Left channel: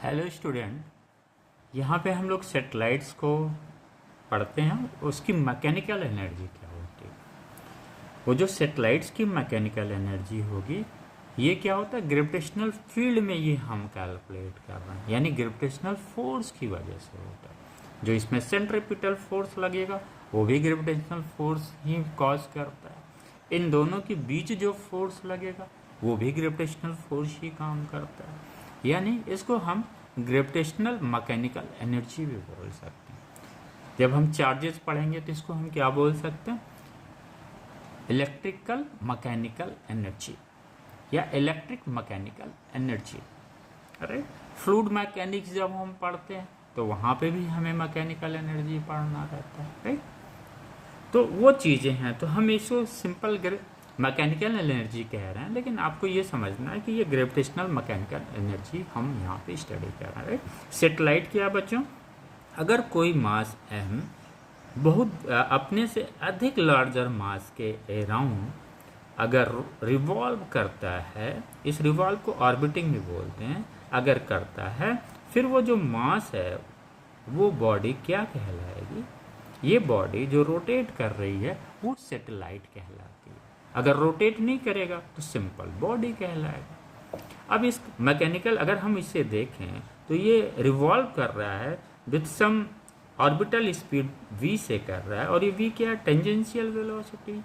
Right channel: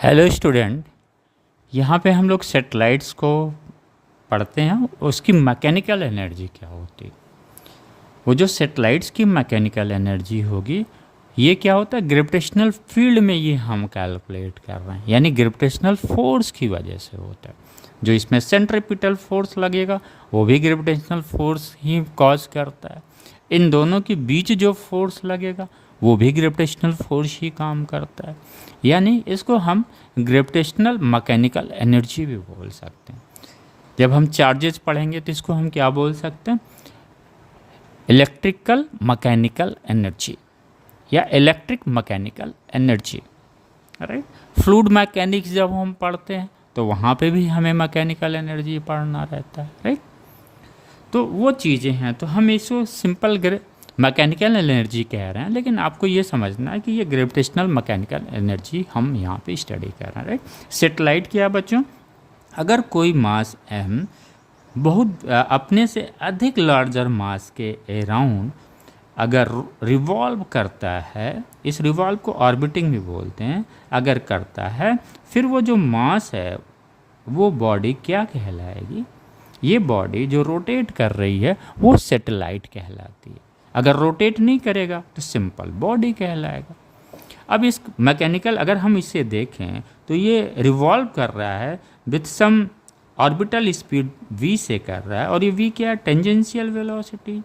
Hello student, यहाँ पे हम लोग सेटेलाइट्स को पढ़ते हैं। उसकी मैकेनिकल एनर्जी क्या होती है। वो जो सेटेलाइट्स की मैकेनिकल एनर्जी होगी, ये क्या होता है, ग्रेविटेशनल फील्ड में ये हम कैलकुलेट कर रहे हैं, यानी ग्रेविटेशनल फोर्स की वजह से होता है। जो इसमें सेंट्रीपिटल फोर्स लगेगा वो भी ग्रेविटेशनल फोर्स ही कॉज करता है। इन दोनों के बीच जो फोर्स लगेगा वो भी ग्रेविटेशनल फोर्स ही काम करता है। यानी इसको हम ग्रेविटेशनल मैकेनिकल एनर्जी भी बोल सकते हैं। जब हम चार्जेस पढ़ेंगे तो इसको हम क्या बोल सकते हैं, इलेक्ट्रिकल मैकेनिकल एनर्जी या electric mechanical energy. Right. Fluid mechanics जब हम पढ़ते हैं तो वहाँ पे भी हमें मैकेनिकल एनर्जी पढ़ना रहता है। राइट। तो वो चीज़ें हैं, तो हम इसको सिंपल मैकेनिकल एनर्जी कह रहे हैं, लेकिन आपको ये समझना है कि ये ग्रेविटेशनल मैकेनिकल एनर्जी हम यहाँ पे स्टडी कर रहे हैं। राइट। सेटेलाइट क्या है बच्चों, अगर कोई मास m बहुत अपने से अधिक लार्जर मास के अराउंड अगर रिवॉल्व करता है, इस रिवॉल्व को ऑर्बिटिंग भी बोलते हैं, अगर करता है, फिर वो जो मास है वो बॉडी क्या कहलाएगी, ये बॉडी जो रोटेट कर रही है वो सैटेलाइट कहलाती है। अगर रोटेट नहीं करेगा तो सिंपल बॉडी कहलाएगा। अब इस मैकेनिकल अगर हम इसे देखें तो ये रिवॉल्व कर रहा है with some orbital speed v से कर रहा है, और ये v क्या है, टेंजेंशियल वेलोसिटी।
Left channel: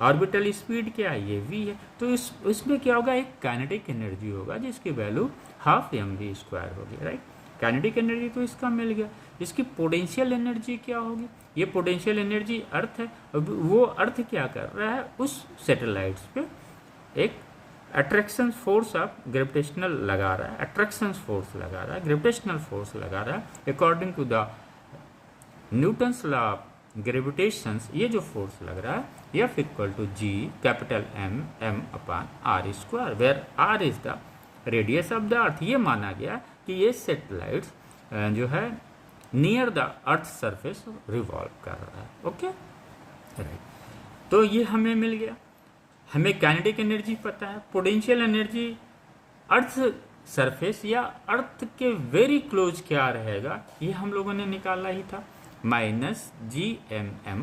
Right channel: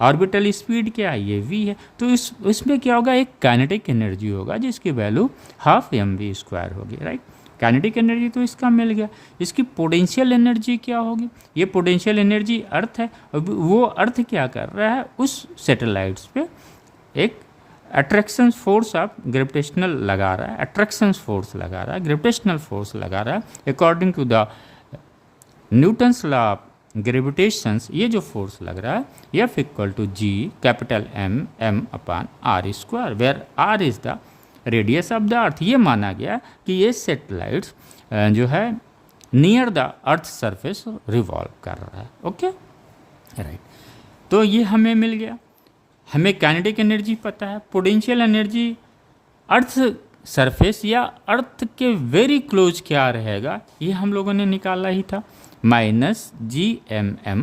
ऑर्बिटल स्पीड क्या है, ये v है। तो इसमें क्या होगा, एक काइनेटिक एनर्जी होगा जिसकी वैल्यू ½ mv² होगी। राइट। काइनेटिक एनर्जी तो इसका मिल गया। इसकी पोटेंशियल एनर्जी क्या होगी, ये पोटेंशियल एनर्जी अर्थ है। वो अर्थ क्या कर रहा है, उस सैटेलाइट्स पे एक अट्रैक्शन फोर्स ऑफ ग्रेविटेशनल लगा रहा है, अट्रैक्शन फोर्स लगा रहा है, ग्रेविटेशनल फोर्स लगा रहा है according to the Newton's law of gravitations. ये जो फोर्स लग रहा है F = G capital M/r², where r is the radius of the earth. ये माना गया कि ये सैटेलाइट्स जो है near the earth surface revolve कर रहा है। Okay, right. तो ये हमें मिल गया। हमें काइनेटिक एनर्जी पता है, पोटेंशियल एनर्जी अर्थ सरफेस या अर्थ के वेरी क्लोज क्या रहेगा, ये हम लोगों ने निकाला ही था, -gmm/r।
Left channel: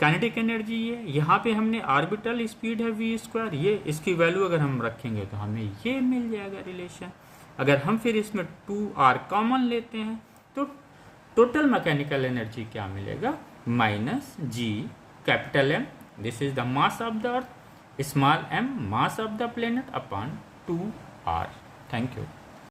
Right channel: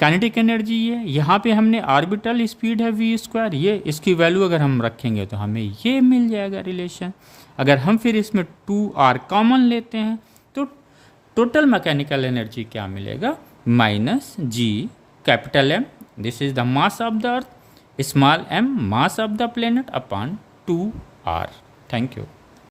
काइनेटिक एनर्जी है, यहाँ पे हमने ऑर्बिटल स्पीड है v², ये इसकी वैल्यू अगर हम रखेंगे तो हमें ये मिल जाएगा रिलेशन। अगर हम फिर इसमें 2r कॉमन लेते हैं तो टोटल मैकेनिकल एनर्जी क्या मिलेगा, -g capital M, this is the mass of the earth, small m mass of the planet upon 2r। Thank you.